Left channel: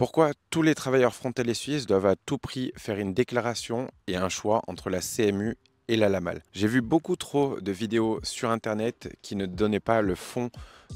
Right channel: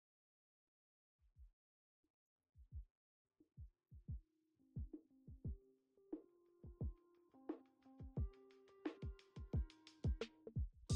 Pourquoi tous les travailleurs frontaliers suisses doivent à tout prix faire une déclaration et un choix entre la CMU et la LAMAL? J'ai vu beaucoup trop de vidéos sur Internet qui ne donnaient pas le fond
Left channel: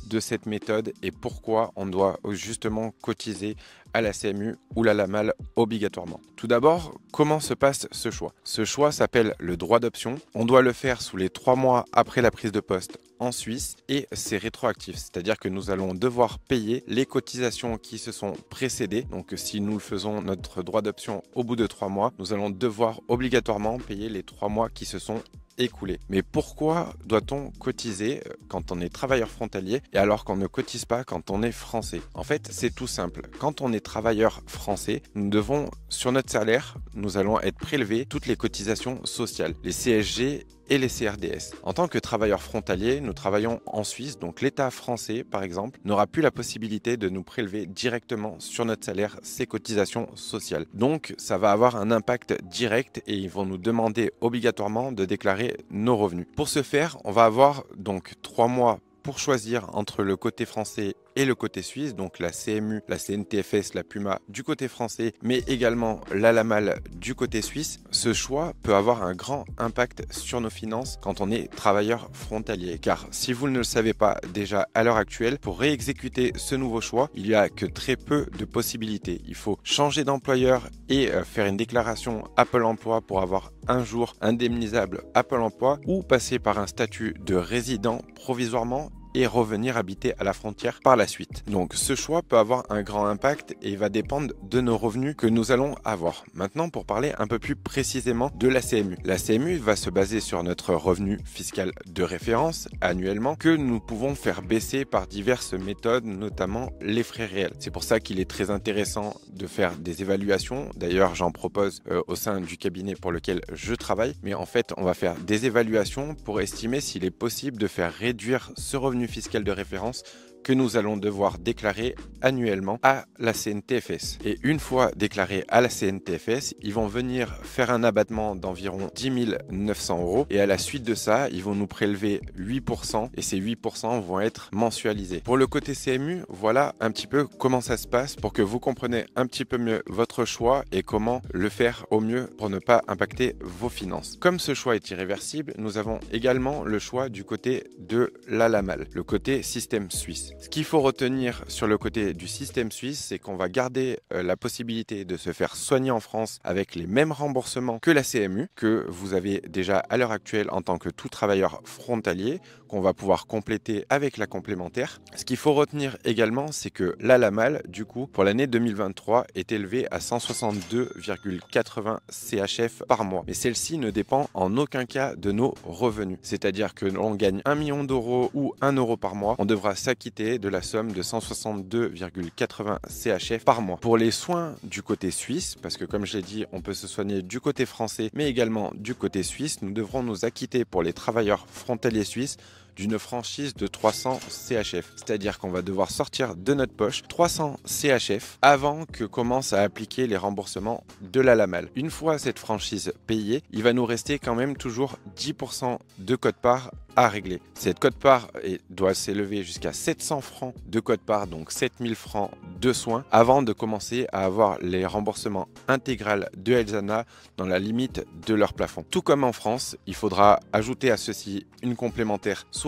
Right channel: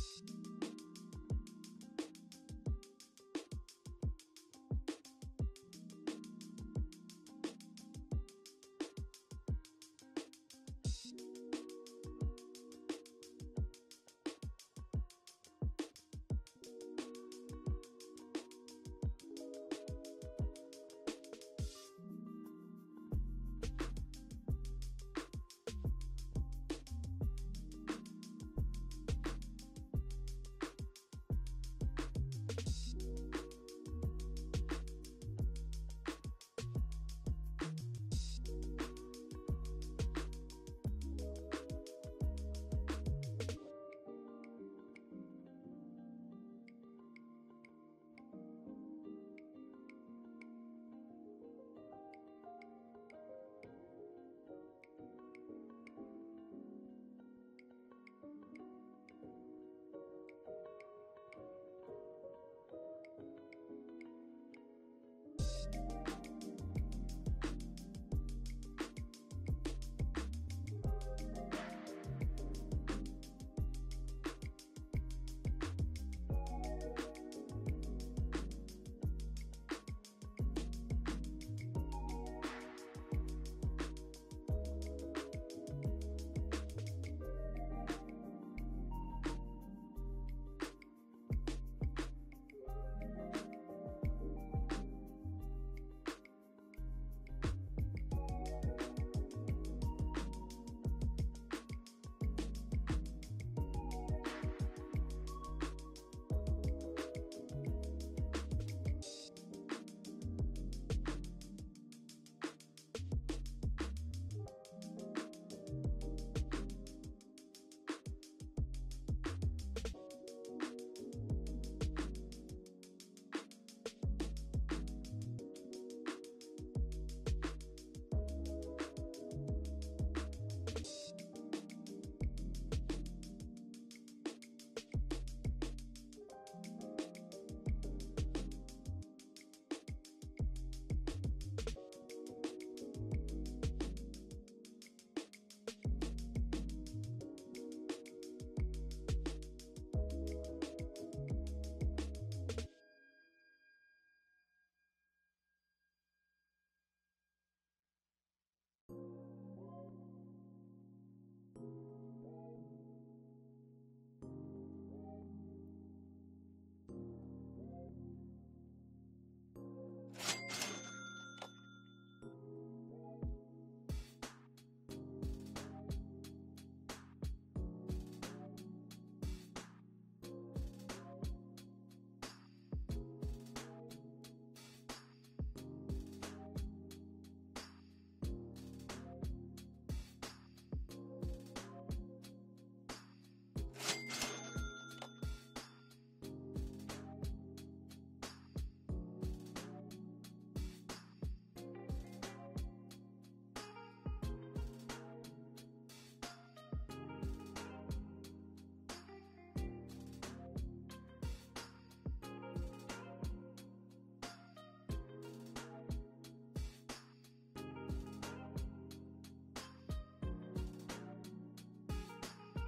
de cette méthode et pourquoi on doit justement cotiser à la CMU ou la LAMAL obligatoirement. Tout d'abord, comment se passe ce choix? Ce choix s'appelle le droit d'option. On doit le faire sous les 3 mois après la prise de poste en Suisse et c'est rétroactif, c'est-à-dire que nous allons devoir payer les cotisations qui se sont précédées. Donc si nous faisons notre droit d'option au bout de 3 mois, nous allons devoir obligatoirement payer les 3 mois qui se sont écoulés. Mais pourquoi doit-on cotiser quand on est travailleur frontalier et alors qu'on ne cotise pas quand on est français? En fait, c'est tout simple. Quand on est travailleur français, nous devons, sur notre salaire, nous allons être prélevés toutes les cotisations sociales, les CSG et les CRDS. En tant que travailleur frontalier, nous travaillons en Suisse, donc l'État français, par exemple, n'aura plus la possibilité de nous prélever directement sur notre salaire ces cotisations sociales. Donc, ça va avoir un impact direct et ils vont nous demander obligatoirement de déclarer nos revenus. Pour ce faire, on va avoir donc 3 mois pour choisir entre le côté français et le côté suisse, donc la CMU, la CNTFS, la PUMA du côté français, mais également la LAMAL du côté suisse. Ce choix peut avoir un grand impact sur nos finances quand on est travailleur frontalier. Car si vous ne le savez pas déjà à l'heure actuelle, pour réexécuter ce nouveau choix, il n'y a que très peu de possibilités. Il faut changer d'employeur et faire une déclaration à Pôle emploi pour avoir un jour indemnisable à Pôle emploi ou passer par un statut de résident provisoirement et revenir habiter à la frontière par la suite. Donc ce choix peut avoir un grand impact et il va dépendre de nos revenus que nous allons avoir. Maintenant, pour parler un peu plus précisément de la CMU. La CMU va se baser sur notre revenu fiscal de référence annuellement que nous pouvons faire baisser par diverses méthodes, notamment les frais réels. C'est pour ça qu'il est très intéressant de faire des évaluations. D'ailleurs, j'en propose au sein du cabinet pour lequel je travaille. Mais en fait, on va faire des évaluations pour estimer s'il est possible de faire réduire ce revenu fiscal de référence que nous allons devoir déclarer annuellement à la CNTFS. Et une fois déclaré à la CNTFS, ils vont venir faire un abattement d'environ 10 900 euros et à la suite de ça, ils vont nous prélever 8% et ces 8% vont être mensualisés. Pour le côté CMU, voilà un petit peu comment ça se passe pour que vous compreniez un petit peu mieux votre choix et comment le faire au mieux pour ne pas impacter vos finances. Comme ce choix est irréversible, nous avons également le choix du côté de la LAMAL, le côté système suisse. Ce qu'il faut retenir sur le côté du système suisse, c'est qu'on va garder la possibilité de se faire soigner en France avec les mêmes remboursements que la CMU, que vous avez déjà à l'heure actuelle en tant que tout travailleur frontalier, qu'on va pouvoir compléter avec la complémentaire. Ce qu'il faut retenir également, c'est que la LAMAL, du coup, pour l'année 2023, est élevée à 162,80 CHF par mois. Mais celle-ci ne dépend en aucun cas de nos revenus. C'est-à-dire que l'on gagne 1 million d'euros ou 1 euro par mois, on devra s'acquitter de la somme de 162,80 CHF par mois. Pour les soins du côté suisse, parce que comme je l'ai dit, on peut se soigner du côté français, mais également du côté suisse, nous devrons nous acquitter pour les travailleurs frontaliers suisses d'une franchise de 300 CHF. C'est-à-dire qu'on va devoir sortir de notre poche 300 CHF avant que commencent à appliquer les remboursements de la LAMAL. Une fois cette franchise payée, il va nous rester quand même toujours 10% de quote-part à régler. Cette quote-part doit s'élever jusqu'à 700 francs de quote-part, donc 7000 francs de soins, avant de commencer à avoir les remboursements intégral de Elzana dans la limite de leur plafond. Tout comme en France, il faudra ajouter à ceci une complémentaire soit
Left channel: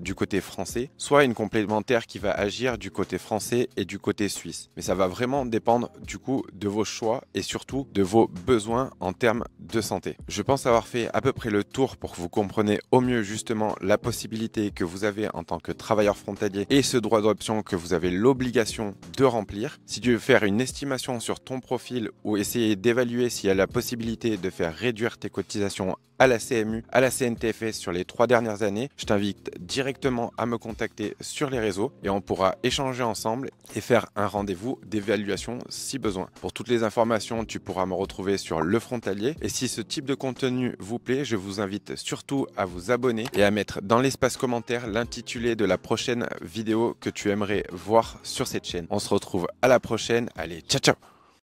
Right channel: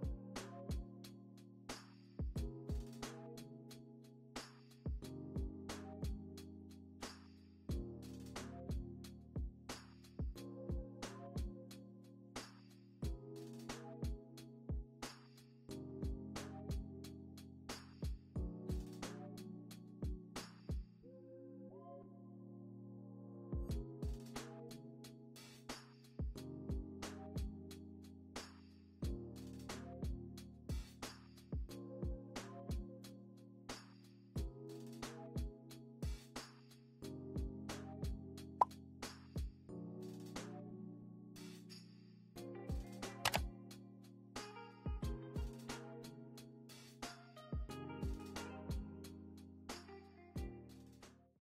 du côté français, soit une complémentaire qui va agir du côté français et du côté suisse. Mais ça va vraiment dépendre du coup de vos choix et surtout de vos besoins en termes de santé. Je pense avoir fait à peu près le tour pour que vous compreniez au mieux justement la possibilité que vous avez en tant que travailleur frontalier et ce droit d'option que vous avez l'obligation de remplir. Si tu veux faire une estimation sur ton profil ou essayer d'évaluer s'il y a la possibilité de faire réduire tes cotisations à la CMU, à la CNTFS sur les 3 dernières années, je t'invite directement à me contacter sur les réseaux et on pourra échanger ensemble et faire un rendez-vous d'évaluation si besoin. Pour toutes les informations, tu pourras me retrouver sur Le Frontalier et si ce type de contenu vous plaît, je vous invite surtout à vous abonner et à mettre dans l'espace commentaire l'intitulé de la prochaine vidéo que tu aimerais voir sur cette chaîne. On se retrouve à la prochaine. Allez, ciao ciao!